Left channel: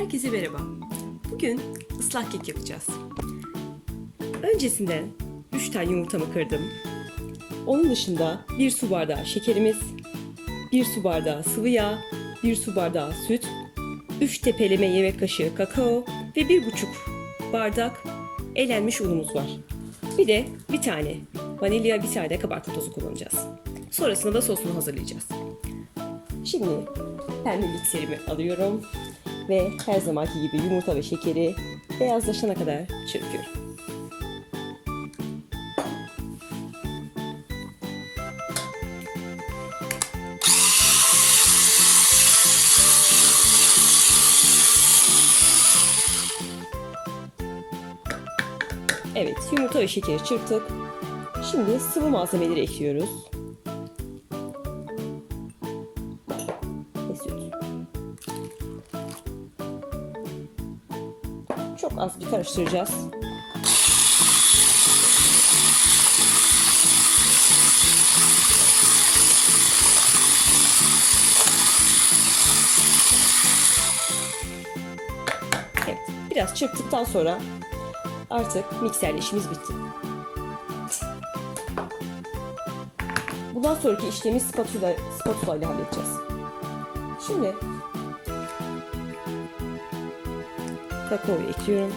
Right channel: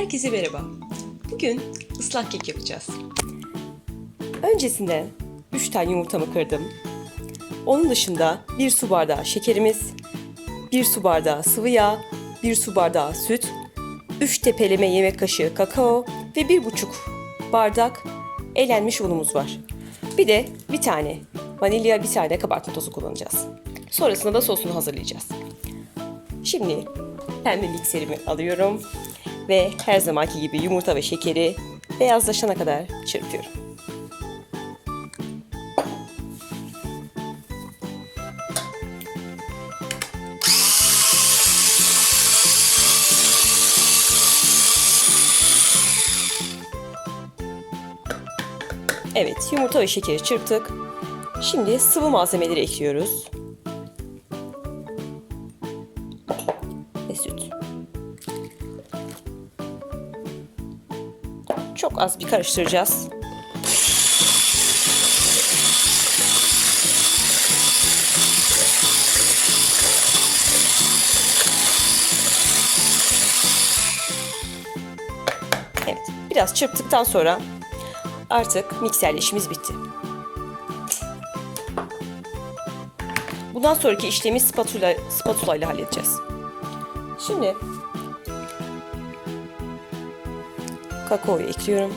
Herkese merhaba. Bugün ıslak kek yapacağız. Öncesinde 3 tane yumurtamı kırdım. Onun dışında 1 su bardağı şekerimiz, 1 su bardağı sıvı yağ, 1 su bardağı süt, 3 tepeleme yemek kaşığı kakao ve 1,5 bardak elenmiş unumuz var. Bir de bir tane vanilya, bir tane kabartma tozu kullanacağız. Sonrasında da sosunu hazırlayacağız. Şimdi pembe mikserimi alıyorum ve her zamanki gibi yumurta ve şekeri beyazlaşana kadar çırpıyorum. Evet, yumurta ve şekeri çırptık. Şimdi sıvı malzemeleri ekliyoruz. Çok az bir karıştıracağız. Evet, biraz çırptıktan sonra artık mikserle işimiz bitti. Bundan sonraki işlemi spatula, spatula ile halledeceğiz. Şimdi kakaoyu ekliyorum.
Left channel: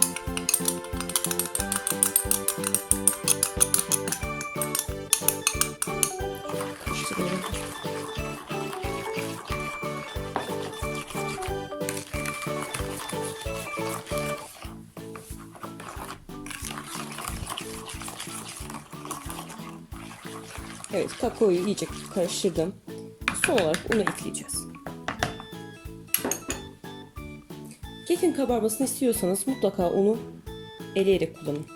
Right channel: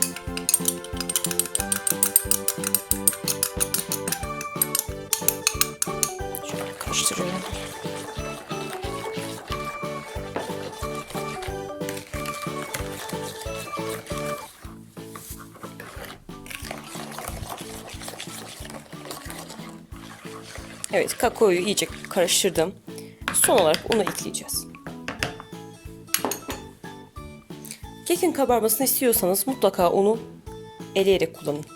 Evet, kakaoyu iyice karıştırdım. Son olarak unu ekleyeceğiz. Kekin kabarmasını istiyorsanız mutlaka unu eleyerek kullanın.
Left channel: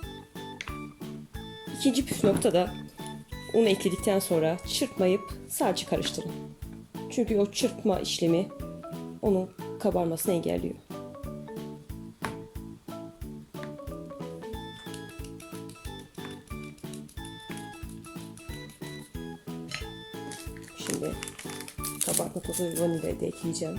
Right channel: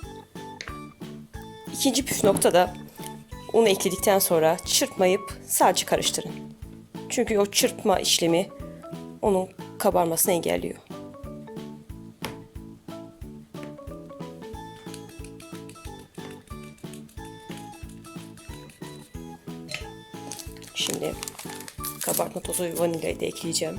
İkinci püf nokta da unu ekledikten sonra çırpmayıp sadece karıştırın. Çünkü o çırpma işlemi onun kabarmasını engelliyor. Şimdi kabartma tozu ve vanilyayı da ekleyeceğim.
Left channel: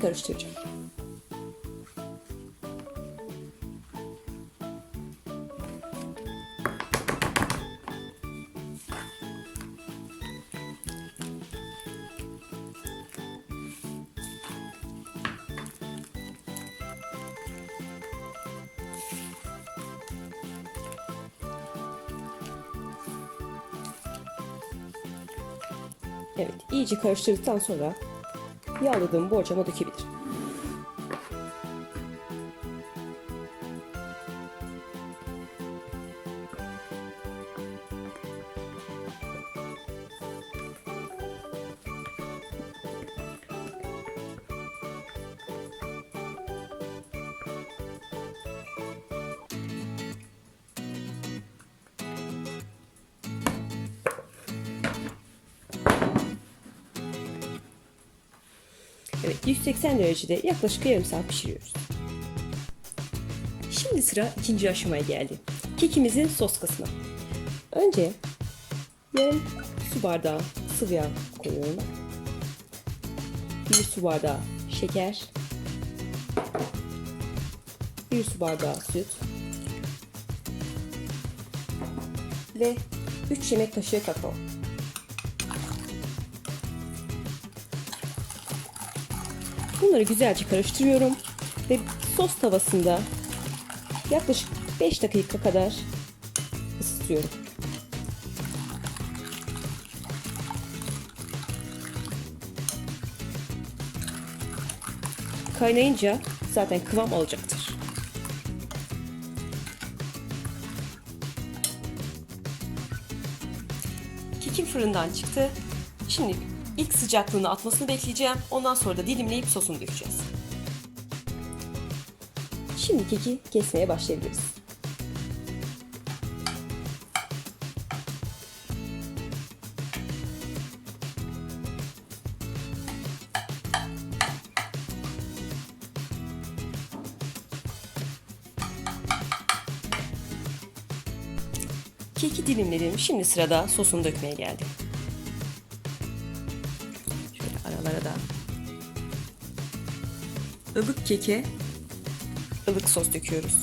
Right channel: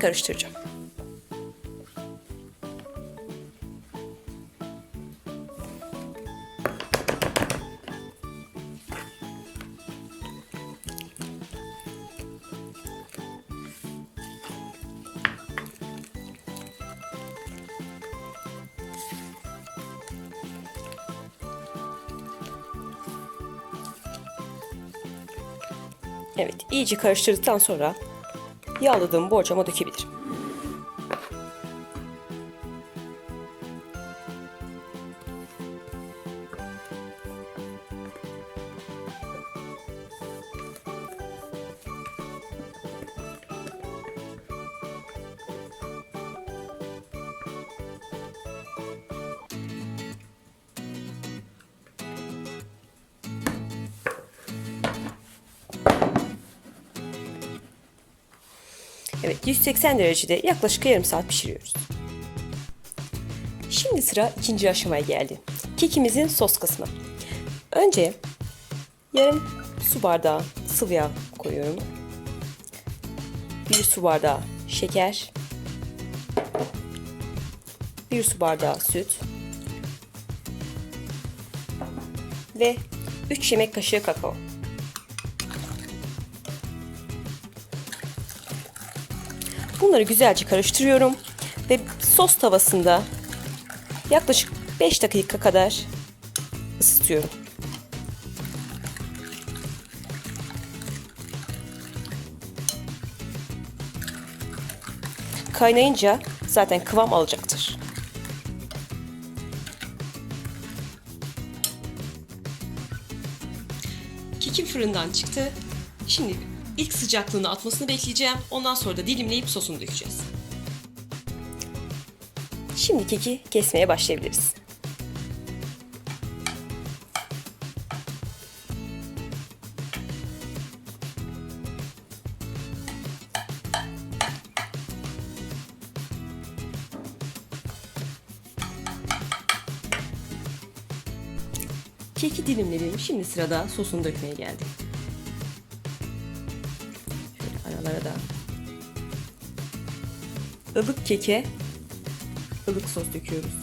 Karıştıracağım. Evet, iyice karıştırdıktan sonra yağladığım borcama dökebilirim. 180 derecede yaklaşık yarım saat pişiriyoruz. Şimdi sıra ikinci aşamaya geldi. Kekimizin sos kısmı. Önce yarım su bardağı sıvı yağ koyuyorum. Bir su bardağı şeker. Bir su bardağı süt. Ve 3 yemek kaşığı kakao. Bunları güzelce karıştırıyorum ve sos tavasında yaklaşık 5 dakika kadar ısıtıyorum. Kaynayınca zaten kıvam alacaktır. Kekim fırından çıktı. Şimdi İlk sıcaklığını atmasını bekleyeceğim. Ondan sonra da dilimleyip sosunu dökeceğiz. Şimdi keki kesmeye başlayabiliriz. Keki dilimledim. Şimdi sırada sosunu dökmeye geldik. Şöyle aralara da ılık keke ılık sos döküyoruz.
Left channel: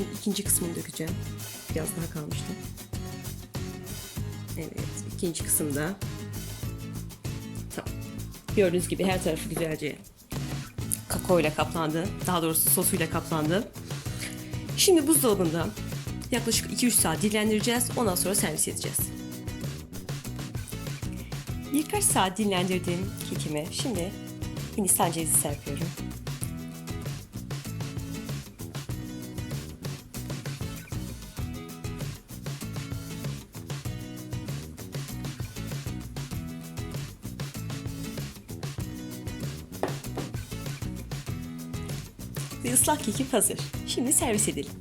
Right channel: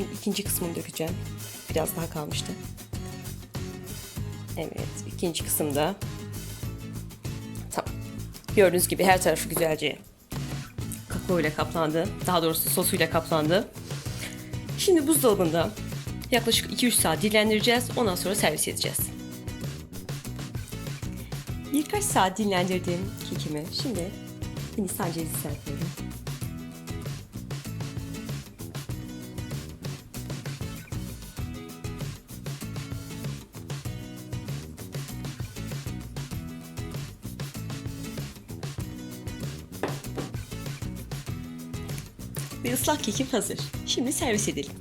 Şimdi ikinci kısmını dökeceğim. Biraz daha kalmıştı. Evet, ikinci kısımda. Tamam. Gördüğünüz gibi her tarafı güzelce kakao ile kaplandı. Daha doğrusu sosuyla kaplandı. Şimdi buzdolabında yaklaşık 2-3 saat dinlendireceğiz. Ondan sonra servis edeceğiz. Birkaç saat dinlendirdim kekimi. Şimdi Hindistan cevizi serpiyorum. Ve ıslak kekim hazır. Şimdi servis edelim.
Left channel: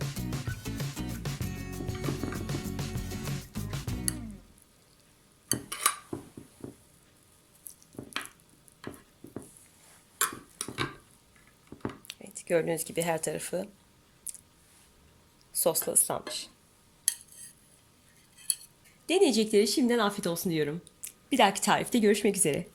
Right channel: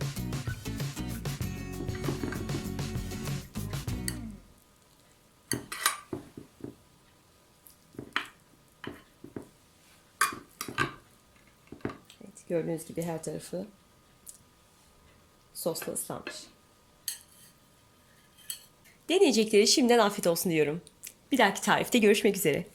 Evet, gördüğünüz gibi her tarafı sosla ıslanmış. Deneyecekleri şimdiden afiyet olsun diyorum. Bir dahaki tarifte görüşmek üzere.